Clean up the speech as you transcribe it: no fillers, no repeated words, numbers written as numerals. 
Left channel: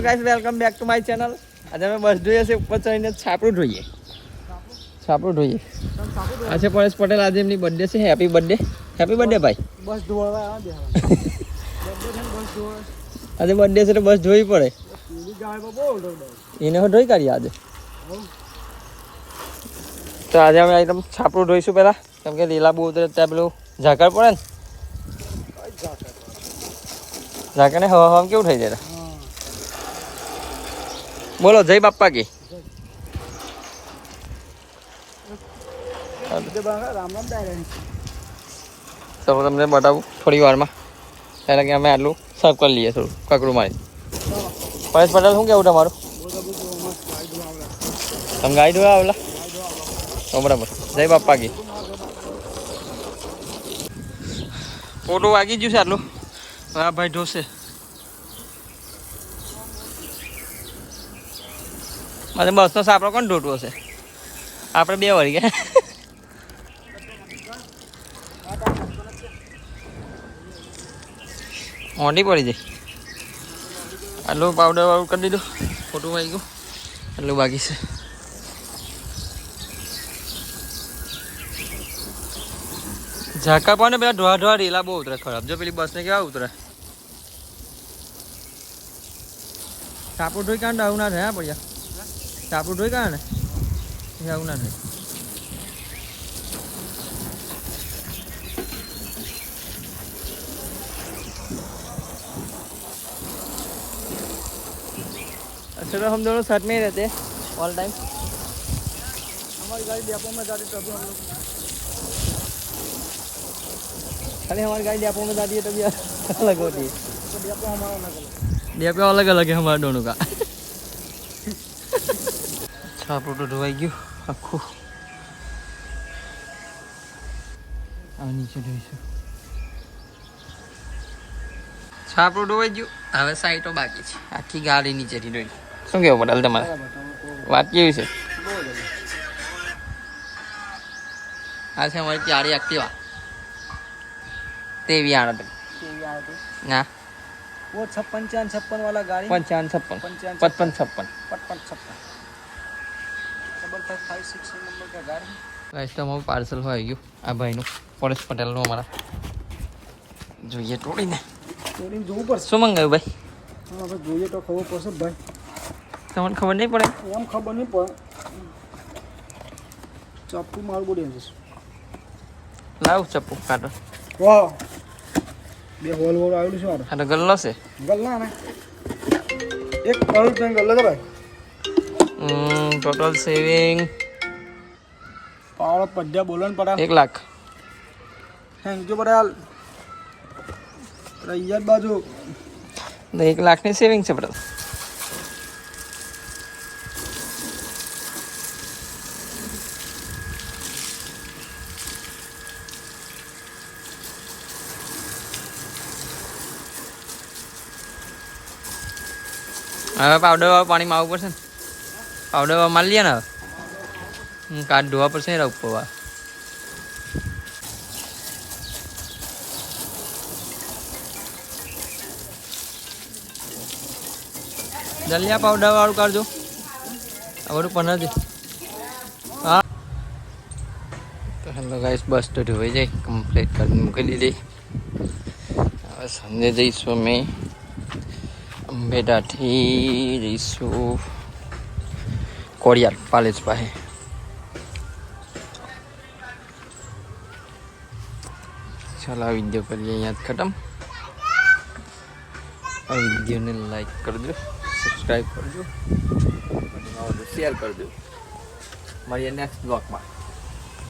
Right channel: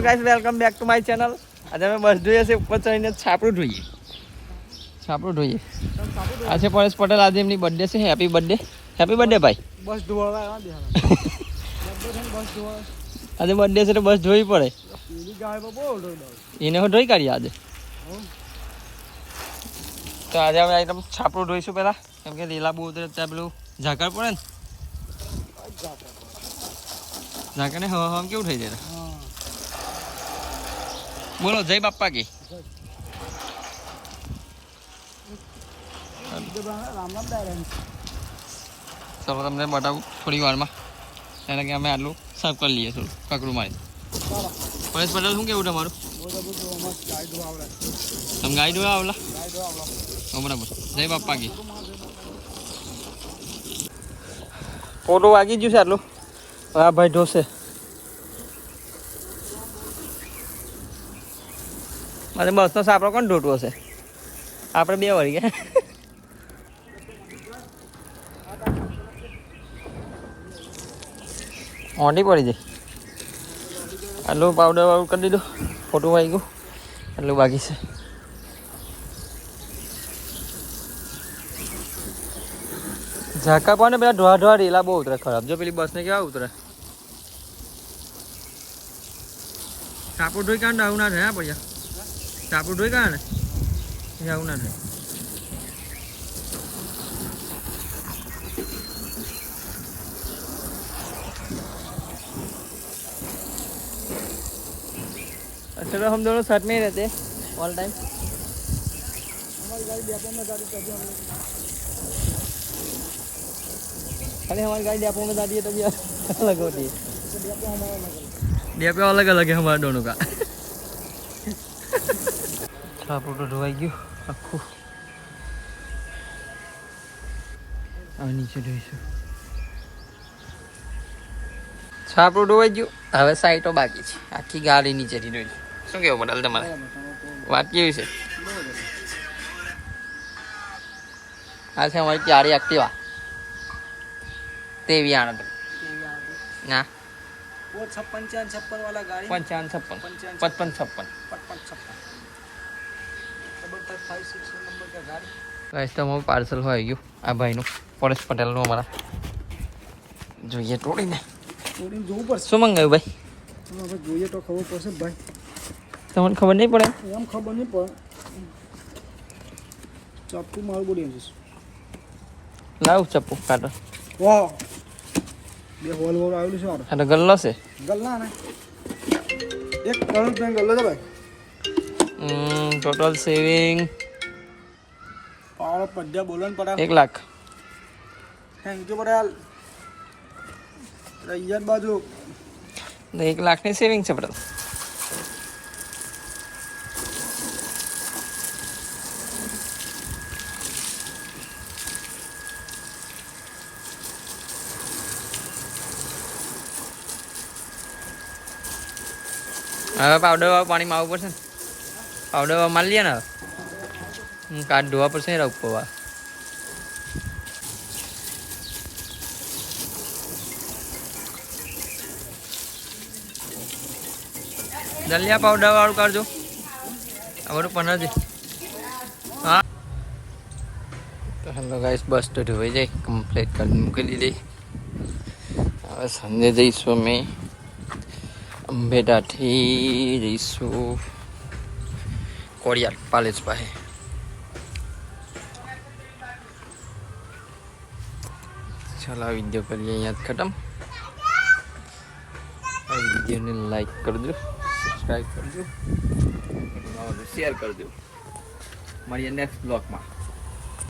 Hello guys, welcome back to my channel. આજે અમે બસ જોઈએ છે, ઉપર ચડીને છાપરું જોઈએ. આજે પરેશ પટેલ, આજે એમની બર્થડે છે. હેપી બર્થડે ભાઈ. બસ ધોવા આજે બર્થડે છે તો બસ ધોવી પડે. એને હું ધોઈ કાઢીએ આજે. તો આજે અમે એકદમ છાપરું ધોઈશું પેલા, કેમ કે લીલા બહુ ઉતરે ત્યાં પેલું ઝાકળ પડે ને, ઝાકળ ને હવા કેવું થઈ જાય. બોલો જય બાપ્પા કી. તો તમને બતાવું થોડી વારમાં, ત્યારે કે અમે આટલું સાફ કરી લઈએ, થોડું કકડું મારી. પરેશ પટેલ શું કેવું તમારું? તમે ગાઈ દો આવલા બરાબર. જય બાપ્પા કી. ફોટો વાગી ગયું છે આટલું. હા ભાઈ ઢોસે મારે બસનો સાપડો કોણ ઢોટવો છે? આપણે બે વળી ગયા. ઓંડી પડી જાય. આટલું પાવડર વાળું કરી દીધું, ફોટું આવી ગયું, એટલું બાકી છે. ઝાકા પાને પેલા ઢોળા રેલા બહુ ઉતરે ખરાબ. જો પેલી બસને કેવા ઉતરે. સાપું ધોઈ કાઢે આવું ના થાય. હા પડ્યા સાપું ધોઈ કાઢે ને એ આવું ના થાય. अच्छा तो हम दोनों साथ में ही रहते हैं ऑल टाइम. हमारी गाड़ी डेपो में जाती तभी हम लोग, खाली हमारी गाड़ी डेपो में जाती है तभी अलग होती है. तो डेपो हमारा अलग अलग. डेपो अलग अलग है हमारे दोनों का. छापू तो धोवाई गયું આખું. હવે નીચે ધોઈશું. છાપરું ધોવાઈ ગયું. હવે સાઈટો બાકી છે. આખી ગાડી નીચેથી ધોઈ. શું કેવું પટેલ તમારે? વાત કેવી છે? આ છે અમારી ચારી એક્ટિવા. તેવી આને તો ના वो 56 वाला गाड़ी 55 56 55 डबल 556 नंबर का गाड़ी. ગાઈસ તમારું પાર્સલ હોય ગયું આ ભાઈનું, પરેશ પટેલનું. અમારા જોઈએ તોડીને જોઈને જોવું પડશે. શું મંગાવ્યું ભાઈ? હવે જોઈએ તો ખબર પડશે ભાઈ. તમને ખબર નહીં પડે? એમ ખબર નહીં પડે. ચપ્પુ મારું બોલી જશે. લાવ ચપ્પુ કાઢો. વાહ, બે હોલ હોલ આવેલું છે મારે. આ તો ગલ્લો છે. ગલ્લા ને 1 કરોડ ત્યાં ગલ્લા છે ભાઈ. ટોટલ સેવિંગ પાવર પડ્યા બોલો ને પડા 1 લાખ. Thank you Patel. રૈયત બાજુ 1 લાખની સેવિંગ છે પટેલ. હવે પાવડર વાળું પાણીમાં આવવું પડશે ને. પાવડર વાળું મારી લઈએ ને. હવે કાચ ધોવા પડશે ને ઉપર વાર. જલ્દી આ પાવડર વાળું કરજો. આ બધું 15 હા. તો હેલો ગાઈસ, બસ તો ધોઈ જાય કમ્પ્લીટ કરી મૂકી દીધી. હવે સાંજે જઈશું અમે અંબેડાથી જઈશું કોરિયાર પાલેજ પાસે. ચાલો આ વિડીયો કરીએ અહીંયા ખતમ. આ વિડીયોને લાઈક કરજો, સબસ્ક્રાઈબ કરજો, શેર કરજો. મળીએ નેક્સ્ટ બ્લોગમાં.